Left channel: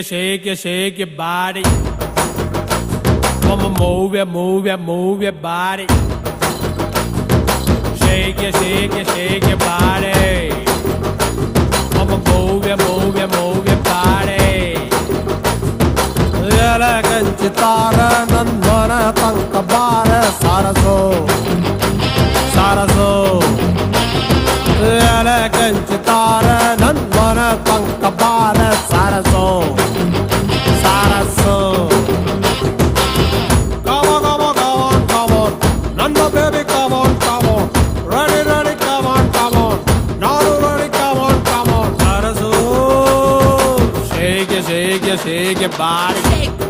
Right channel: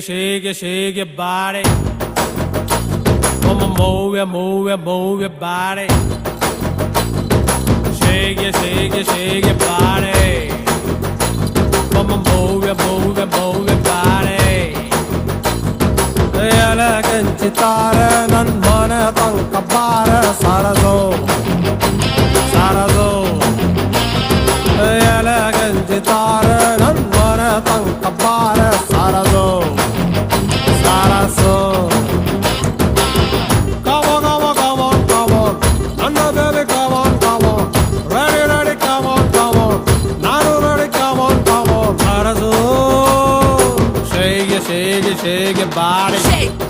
shake your body. Come on, move your body. Shake your body. Come on, move your body. Elegant guitar, not one tanka bar, sarazo. Elegant guitar, not one tanka bar, sarazo. Come on. Nanda baby, come on. Ready, come on. Naru ready, come on. Sarazo. Shake your body. Shake